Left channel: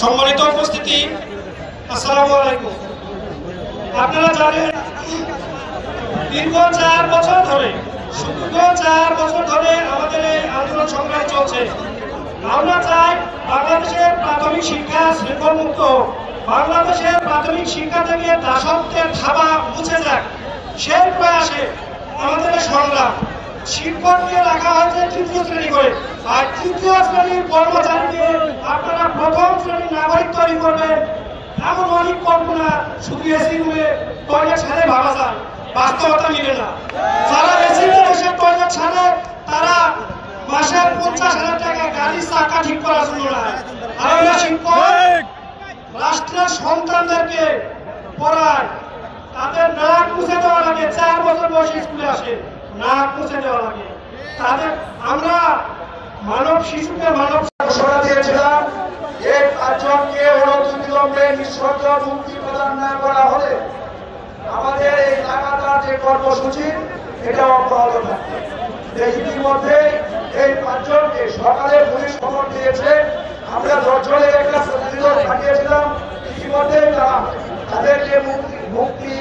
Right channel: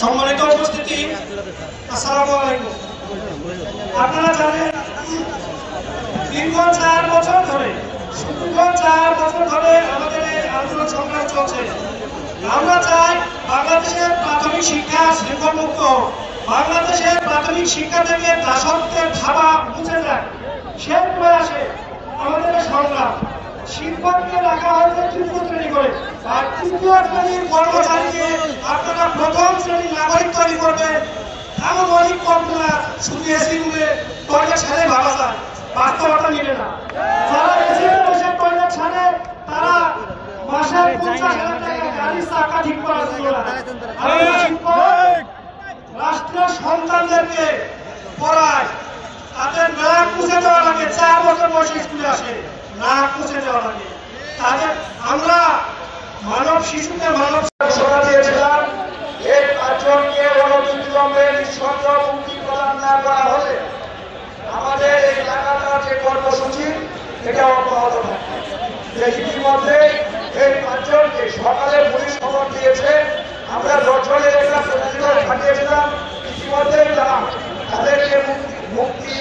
সম্মানিত উপস্থিতি, আসসালামু আলাইকুম। আপনারা জানেন দীর্ঘ 4 বছর ধরে আমাদের এই আন্দোলন সংগ্রাম চলছে। আমরা চাই বাংলাদেশের প্রাথমিক শিক্ষা শৃঙ্খলমুক্ত, বাংলাদেশের প্রাথমিক শিক্ষা থেকে দাসত্বের থাবা মুছে যাক। সেই প্রয়াসে আমাদের সংগ্রাম শিক্ষককে রাখা হয়েছে তৃতীয় শ্রেণী করে, আর তৃতীয় শ্রেণীর কর্মচারীকে আপনারা প্রথম শ্রেণীর নাগরিক তৈরি করবেন। এমন অনেক কল্পনা শুধু এসি করে টয়লেট ছাড়াই ভাবা যায়, বাস্তবতা মিলে না। যারা এসিতে এসে টয়লেট ছাড়ে তারা মাসে 50,000 টাকা গাড়ির চাকা ঠিক করার জন্য না। আমরা শিক্ষক রাষ্ট্রের সন্তানদেরকে পড়ায়, তাদের নাক মুছে দেওয়া লাগে। 4 বছর বয়সে স্কুলে আসে, নাক মুছে দেওয়া লাগে তাদের। আমরা মানব শিশুকে মানব দিয়েছিলাম। এর 5 জনকে অনতিবিলম্বে নিঃশর্ত মুক্তি প্রদান না করা হলে আমাদের এই লাগাতার যে কর্মসূচি এটা অব্যাহত থাকবে। ইতিমধ্যে এই 5 জনকে সকালে পুলিশ খবর দিয়েছে। আমরা 10 জনের একটা প্রতিরোধ পাঠিয়েছিলাম, ইতিমধ্যে তাদেরকে মুক্তি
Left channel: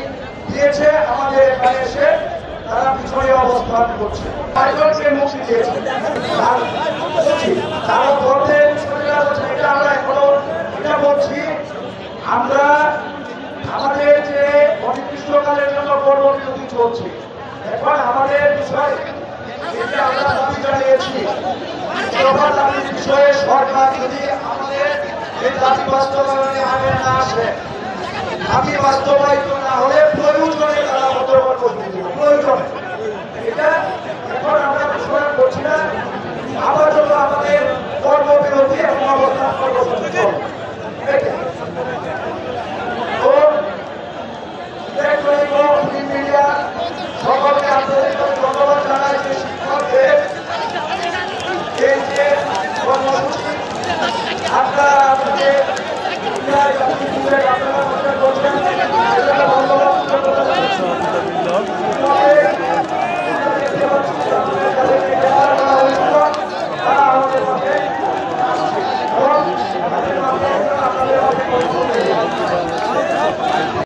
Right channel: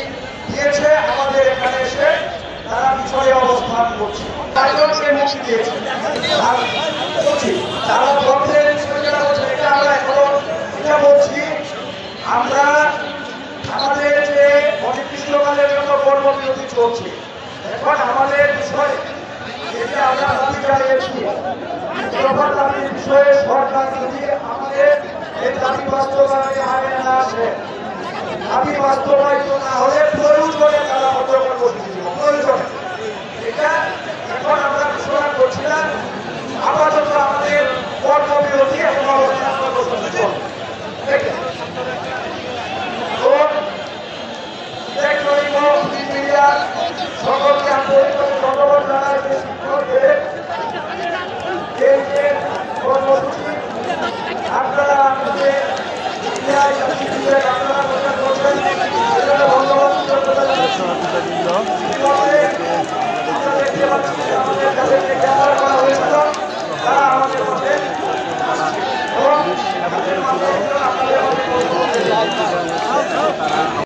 দিয়েছে। আমাদের এখানে এসে তারা পিছনে অবস্থান করছে, 5 জনকে মুক্তি দিয়েছে। আমরা আমাদের যে অনির্দিষ্টকালের জন্য কর্মবিরতি চলছে, এখন আমাদের বিষয়ে যেটা আমরা দাবি জানিয়েছি, বিষয়ে সরকার যদি আমাদের এই দাবি বাস্তবায়নে আইন না আসে, দাবি বাস্তবায়িত না হলে প্রয়োজনে তারা আন্দোলন করতে প্রয়োজন। এটা